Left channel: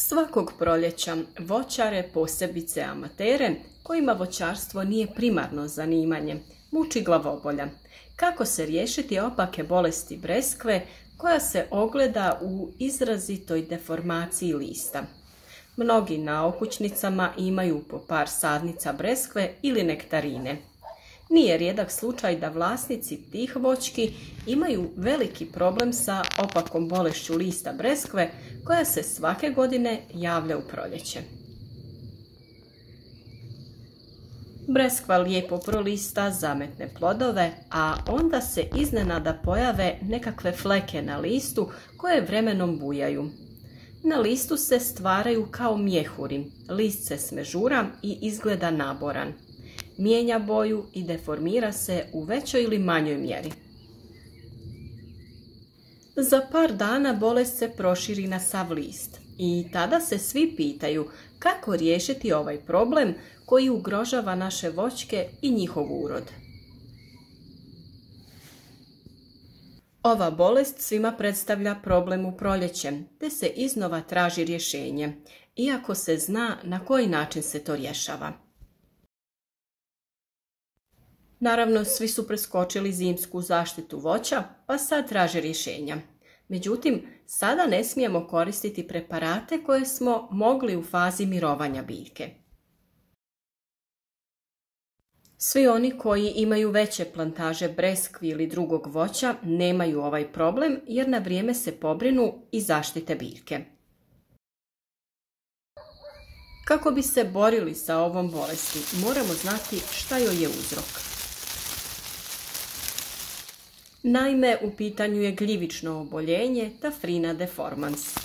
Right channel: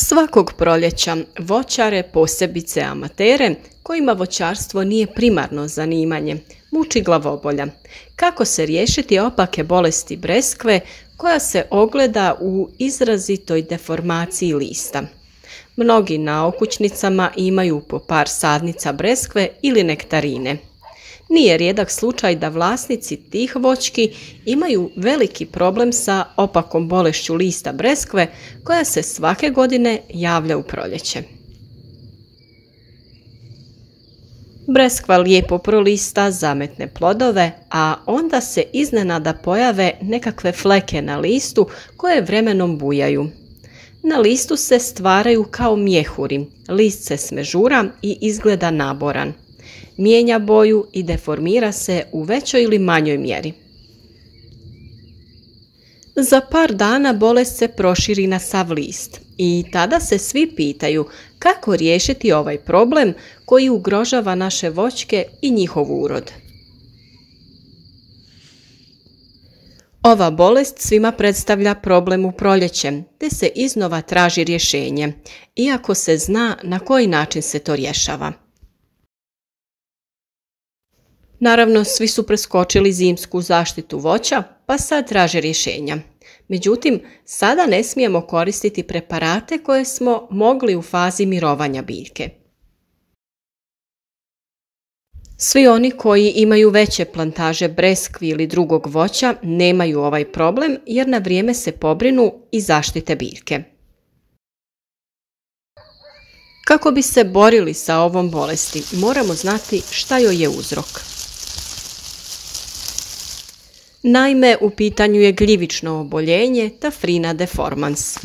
Svakog proljeća voćare, posebice amatere, kojima voćarstvo nije primarno zanimanje, muči glavobolja. Kako se riješiti opake bolesti breskve koja se ogleda u izrazitoj deformaciji lista? Mnogi na okućnicama imaju po par sadnica breskve ili nektarine. Nije rijedak slučaj da vlasnici tih voćki imaju veliki problem sa opakom bolešću lista breskve koja se svake godine javlja u proljeće. Breskva lijepo prolista, zametne plodove, a onda se iznenada pojave nekakve fleke na listu koje vremenom bujaju. Na listu se stvaraju kao mjehuri, list se smežura i izgleda naboran. Mijenja boju i deformira se u većoj ili manjoj mjeri. Za par dana bolest se proširi na sav list i tada se svi pitaju kako riješiti ovaj problem koji ugrožava naše voćke i njihov urod. Ova bolest svima predstavlja problem u proljeće, te se iznova traži rješenje, iako se zna na koji način se to rješava. Naravno, svi su preskočili zimsku zaštitu voća, pa sad traže rješenja. Međutim, sada ne smijemo koristiti preparate koje smo mogli u fazi mirovanja biljke. Svi oni koji imaju veće plantaže breskvi ili drugog voća nemaju ovaj problem jer na vrijeme se pobrinu i zaštite biljke. Kako bi se borili sa ovom bolesti, moramo znati šta joj je uzrok. Naime, u pitanju je gljivično oboljenje Taphrina deformans.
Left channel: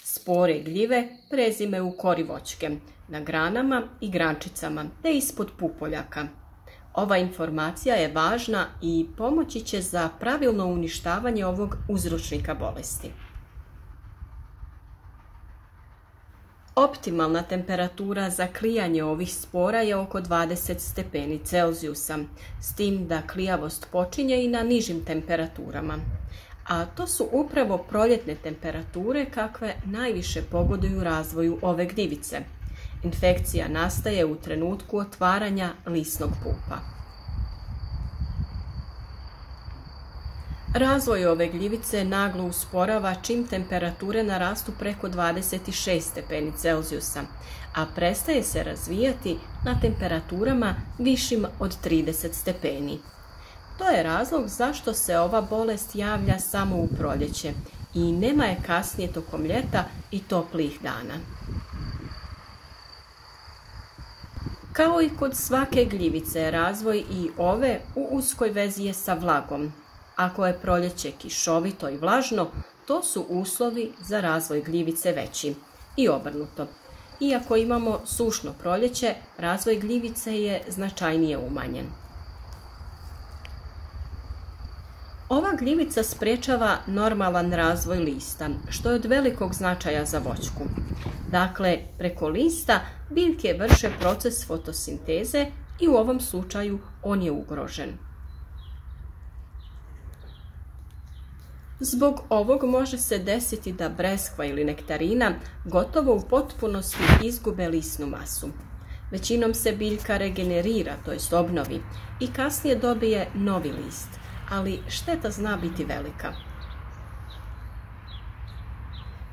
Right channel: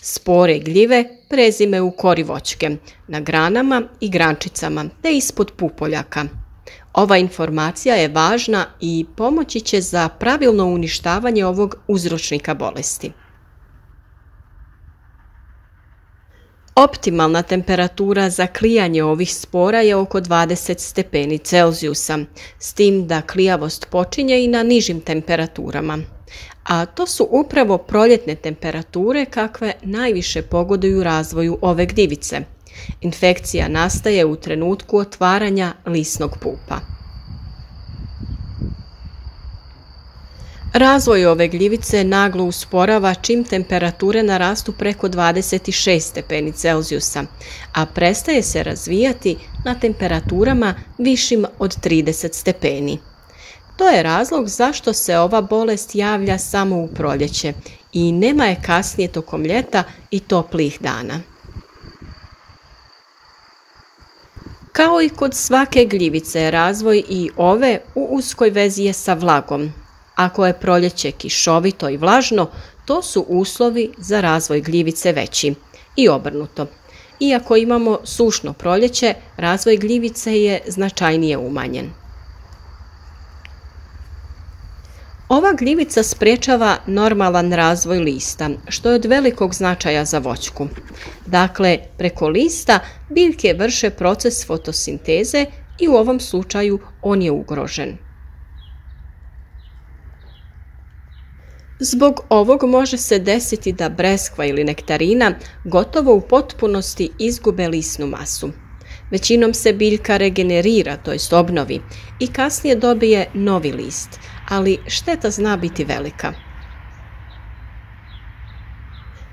Spore gljive prezime u kori voćke, na granama i grančicama te ispod pupoljaka. Ova informacija je važna i pomoći će za pravilno uništavanje ovog uzročnika bolesti. Optimalna temperatura za klijanje ovih spora je oko 20 stepeni Celzijusa, s tim da klijavost počinje i na nižim temperaturama. A to su upravo proljetne temperature kakve najviše pogoduju razvoju ove gljivice. Infekcija nastaje u trenutku otvaranja lisnog pupa. Razvoj ove gljivice naglo usporava čim temperature narastu preko 26 stepeni Celzijusa, a prestaje se razvijati na temperaturama višim od 30 stepeni. To je razlog zašto se ova bolest javlja samo u proljeće i nema je kasnije tokom ljeta i toplih dana. Kao i kod svake gljivice, razvoj i ove u uskoj vezi je sa vlagom. Ako je proljeće kišovito i vlažno, to su uslovi za razvoj gljivice veći i obrnuto. Iako imamo sušno proljeće, razvoj gljivice je značajnije umanjen. Ova gljivica sprječava normalan razvoj lista, što je od velikog značaja za voćku. Dakle, preko lista biljke vrše proces fotosinteze i u ovom slučaju on je ugrožen. Zbog ovog može se desiti da breskva ili nektarina gotovo u potpunosti izgube lisnu masu. Većinom se biljka regenerira, to jest obnovi, i kasnije dobije novi list, ali šteta zna biti velika.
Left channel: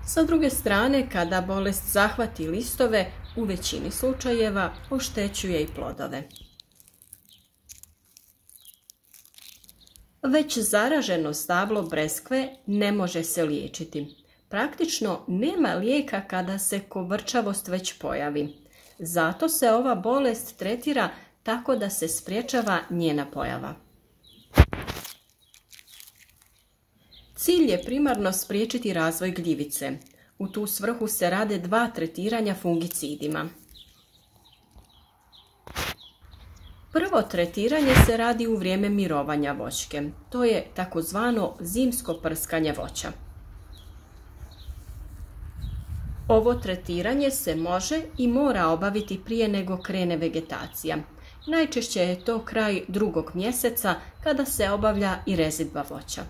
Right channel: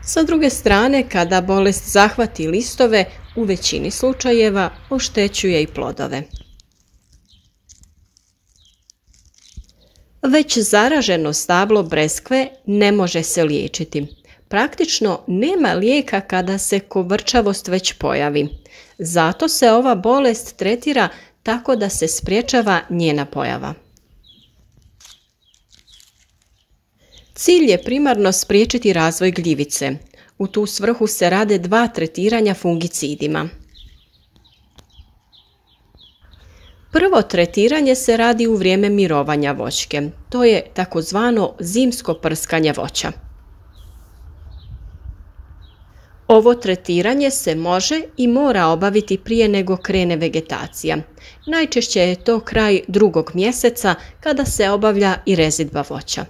Sa druge strane, kada bolest zahvati listove, u većini slučajeva oštećuje i plodove. Već zaraženo stablo breskve ne može se liječiti. Praktično nema lijeka kada se kovrčavost već pojavi. Zato se ova bolest tretira tako da se sprječava njena pojava. Cilj je primarno spriječiti razvoj gljivice. U tu svrhu se rade 2 tretiranja fungicidima. Prvo tretiranje se radi u vrijeme mirovanja voćke. To je takozvano zimsko prskanje voća. Ovo tretiranje se može i mora obaviti prije nego krene vegetacija. Najčešće je to kraj 2. mjeseca kada se obavlja i rezidba voća.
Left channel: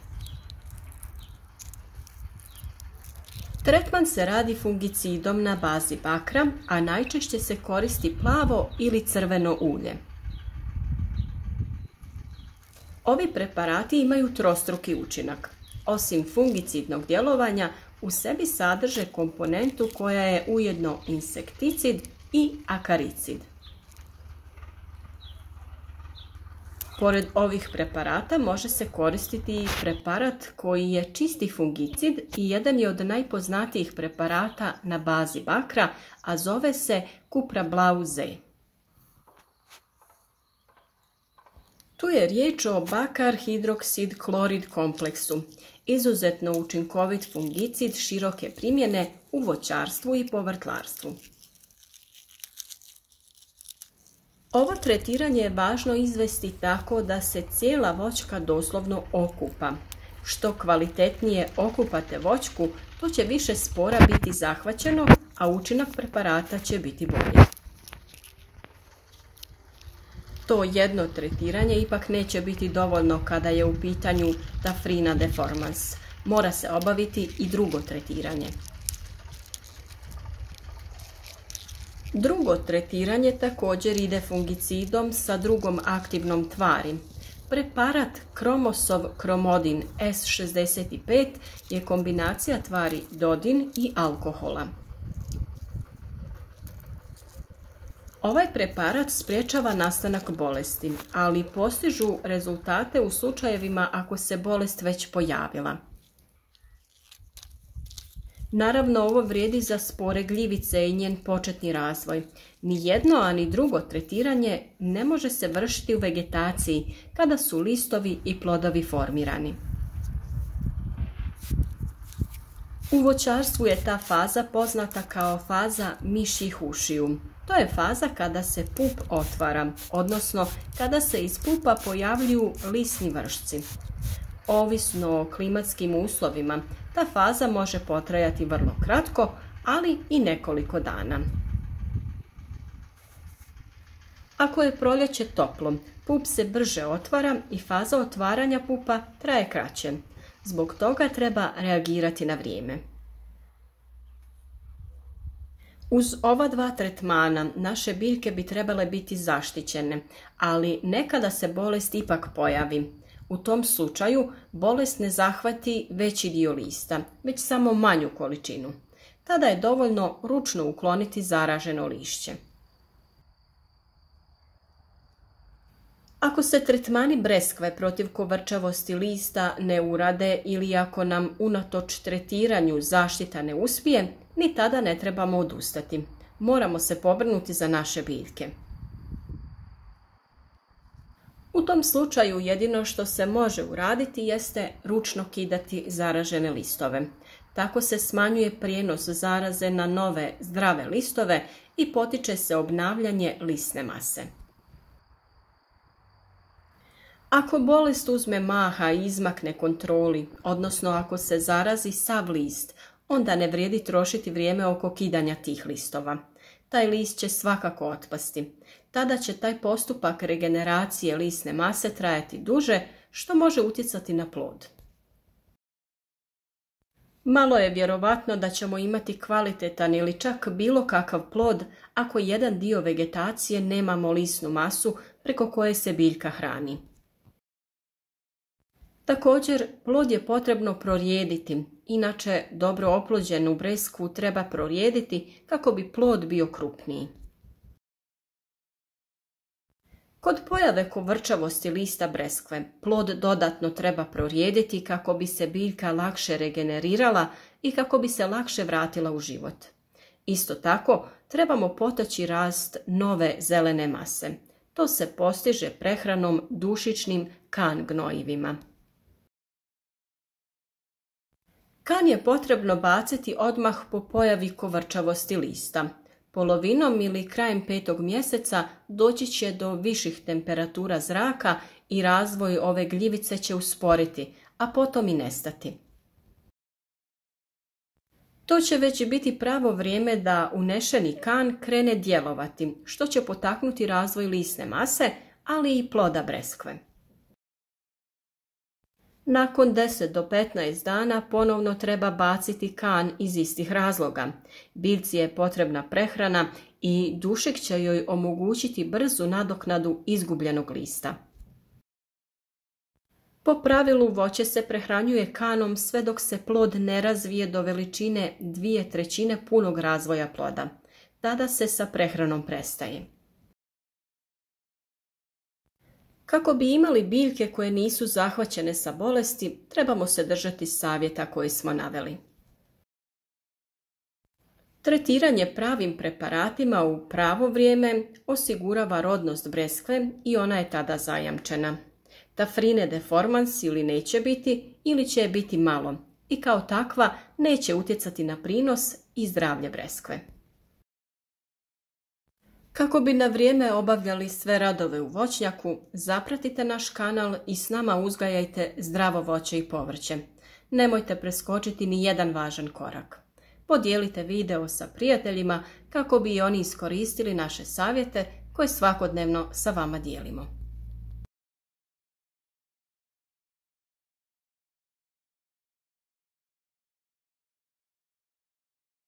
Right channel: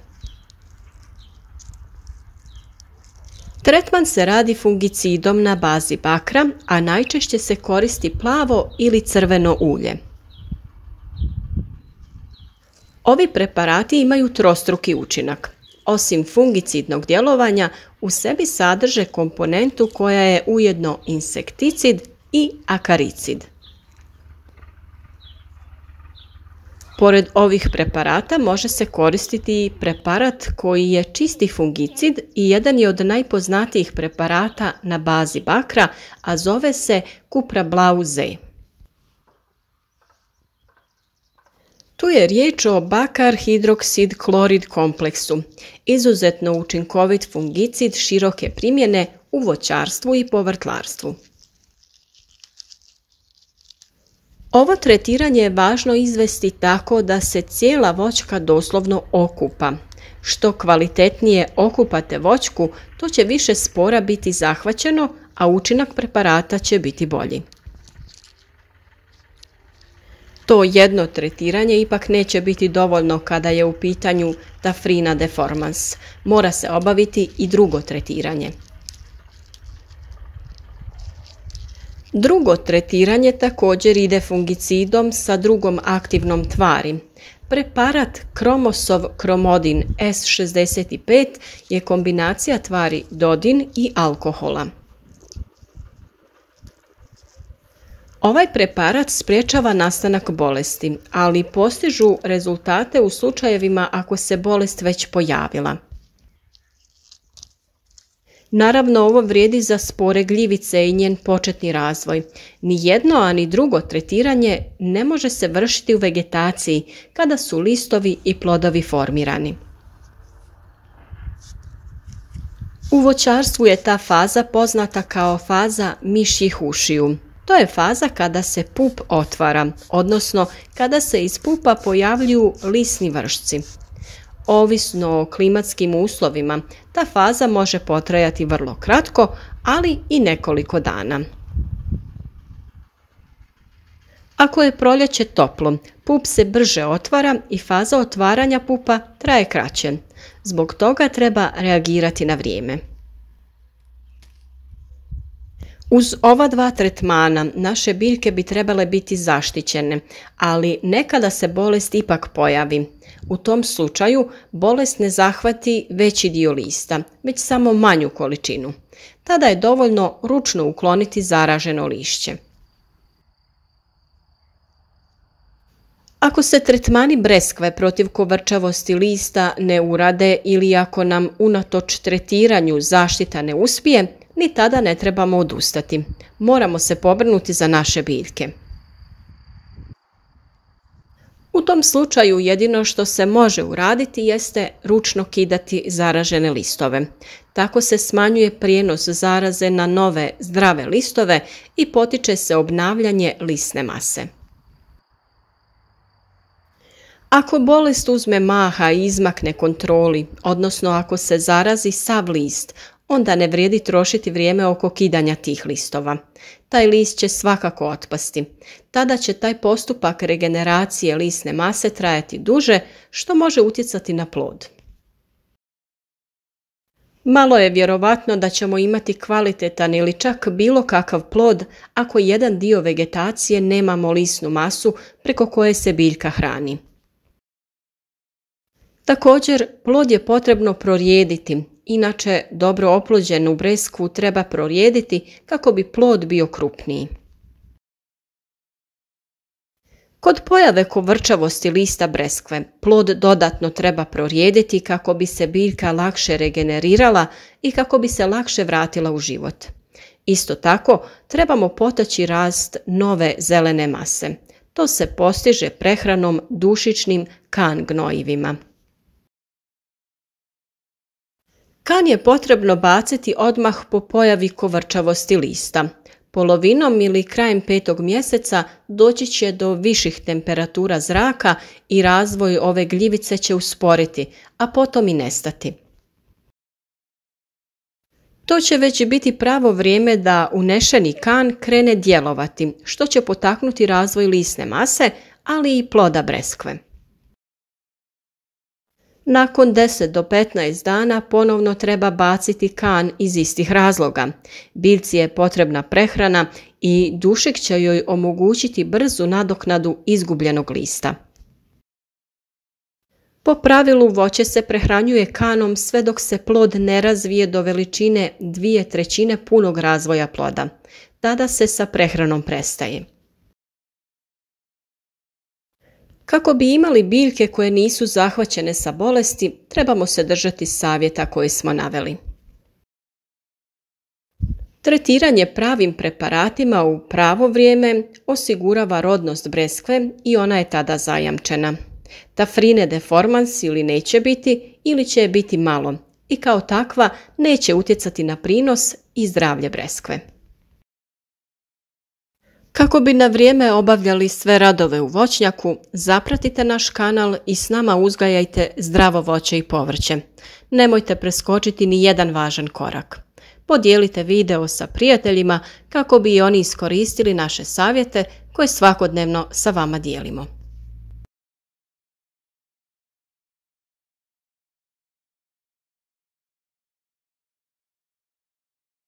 Tretman se radi fungicidom na bazi bakra, a najčešće se koristi plavo ili crveno ulje. Ovi preparati imaju trostruki učinak. Osim fungicidnog djelovanja, u sebi sadrže komponentu koja je ujedno insekticid i akaricid. Pored ovih preparata može se koristiti i preparat koji je čisti fungicid i jedan je od najpoznatijih preparata na bazi bakra, a zove se Cupra Blau Z. Tu je riječ o bakar hidroksid klorid kompleksu, izuzetno učinkovit fungicid široke primjene u voćarstvu i povrtlarstvu. Ovo tretiranje je važno izvesti tako da se cijela voćka doslovno okupa. Što kvalitetnije okupate voćku, to će više spora biti zahvaćeno, a učinak preparata će biti bolji. To jedno tretiranje ipak neće biti dovoljno kada je u pitanju Tafrina deformans. Mora se obaviti i drugo tretiranje. Drugo tretiranje također ide fungicidom sa drugom aktivnom tvari. Preparat Kromosov kromodin S65 je kombinacija tvari dodin i alkohola. Ovaj preparat sprječava nastanak bolesti, ali postižu rezultate u slučajevima ako se bolest već pojavila. Naravno, ovo vrijedi za spore gljivice i njen početni razvoj. Ni jedno, a ni drugo tretiranje ne može se vršiti u vegetaciji kada su listovi i plodovi formirani. U voćarstvu je ta faza poznata kao faza mišjih ušiju. To je faza kada se pup otvara, odnosno kada se iz pupa pojavljuju lisni vršci. Ovisno o klimatskim uslovima, ta faza može potrajati vrlo kratko, ali i nekoliko dana. Ako je proljeće toplo, pup se brže otvara i faza otvaranja pupa traje kraće. Zbog toga treba reagirati na vrijeme. Uz ova dva tretmana naše biljke bi trebale biti zaštićene, ali nekada se bolest ipak pojavi. U tom slučaju bolest ne zahvati veći dio lista, već samo manju količinu. Tada je dovoljno ručno ukloniti zaraženo lišće. Ako se tretmani breskve protiv kovrčavosti lista ne urade ili ako nam unatoč tretiranju zaštita ne uspije, ni tada ne trebamo odustati. Moramo se pobrinuti za naše biljke. U tom slučaju jedino što se može uraditi jeste ručno kidati zaražene listove. Tako se smanjuje prijenos zaraze na nove zdrave listove i potiče se obnavljanje lisne mase. Ako bolest uzme maha i izmakne kontroli, odnosno ako se zarazi sav list, onda ne vrijedi trošiti vrijeme oko kidanja tih listova. Taj list će svakako otpasti. Tada će taj postupak regeneracije lisne mase trajati duže, što može utjecati na plod. Malo je vjerovatno da ćemo imati kvalitetan ili čak bilo kakav plod ako jedan dio vegetacije nemamo lisnu masu preko koje se biljka hrani. Također, plod je potrebno prorijediti, inače dobro oplođenu breskvu treba prorijediti kako bi plod bio krupniji. Kod pojave kovrčavosti lista breskve, plod dodatno treba prorijediti kako bi se biljka lakše regenerirala i kako bi se lakše vratila u život. Isto tako, trebamo potaći rast nove zelene mase. To se postiže prehranom dušičnim kan gnojivima. Kan je potrebno baciti odmah po pojavi kovrčavosti lista. Polovinom ili krajem 5. mjeseca doći će do viših temperatura zraka i razvoj ove gljivice će usporiti, a potom i nestati. To će već biti pravo vrijeme da unešeni kan krene djelovati, što će potaknuti razvoj lisne mase, ali i ploda breskve. Nakon 10 do 15 dana ponovno treba baciti kan iz istih razloga. Biljci je potrebna prehrana i dušik će joj omogućiti brzu nadoknadu izgubljenog lista. Po pravilu voće se prehranjuje kanom sve dok se plod ne razvije do veličine 2/3 punog razvoja ploda. Tada se sa prehranom prestaje. Kako bi imali biljke koje nisu zahvaćene sa bolesti, trebamo se držati savjeta koje smo naveli. Tretiranje pravim preparatima u pravo vrijeme osigurava rodnost breskve i ona je tada zajamčena. Tafrine deformans ili neće biti ili će je biti malo i kao takva neće utjecati na prinos i zdravlje breskve. Kako bi na vrijeme obavljali sve radove u voćnjaku, zapratite naš kanal i s nama uzgajajte zdravo voće i povrće. Nemojte preskočiti ni jedan važan korak. Podijelite video sa prijateljima kako bi i oni iskoristili naše savjete koje svakodnevno sa vama dijelimo.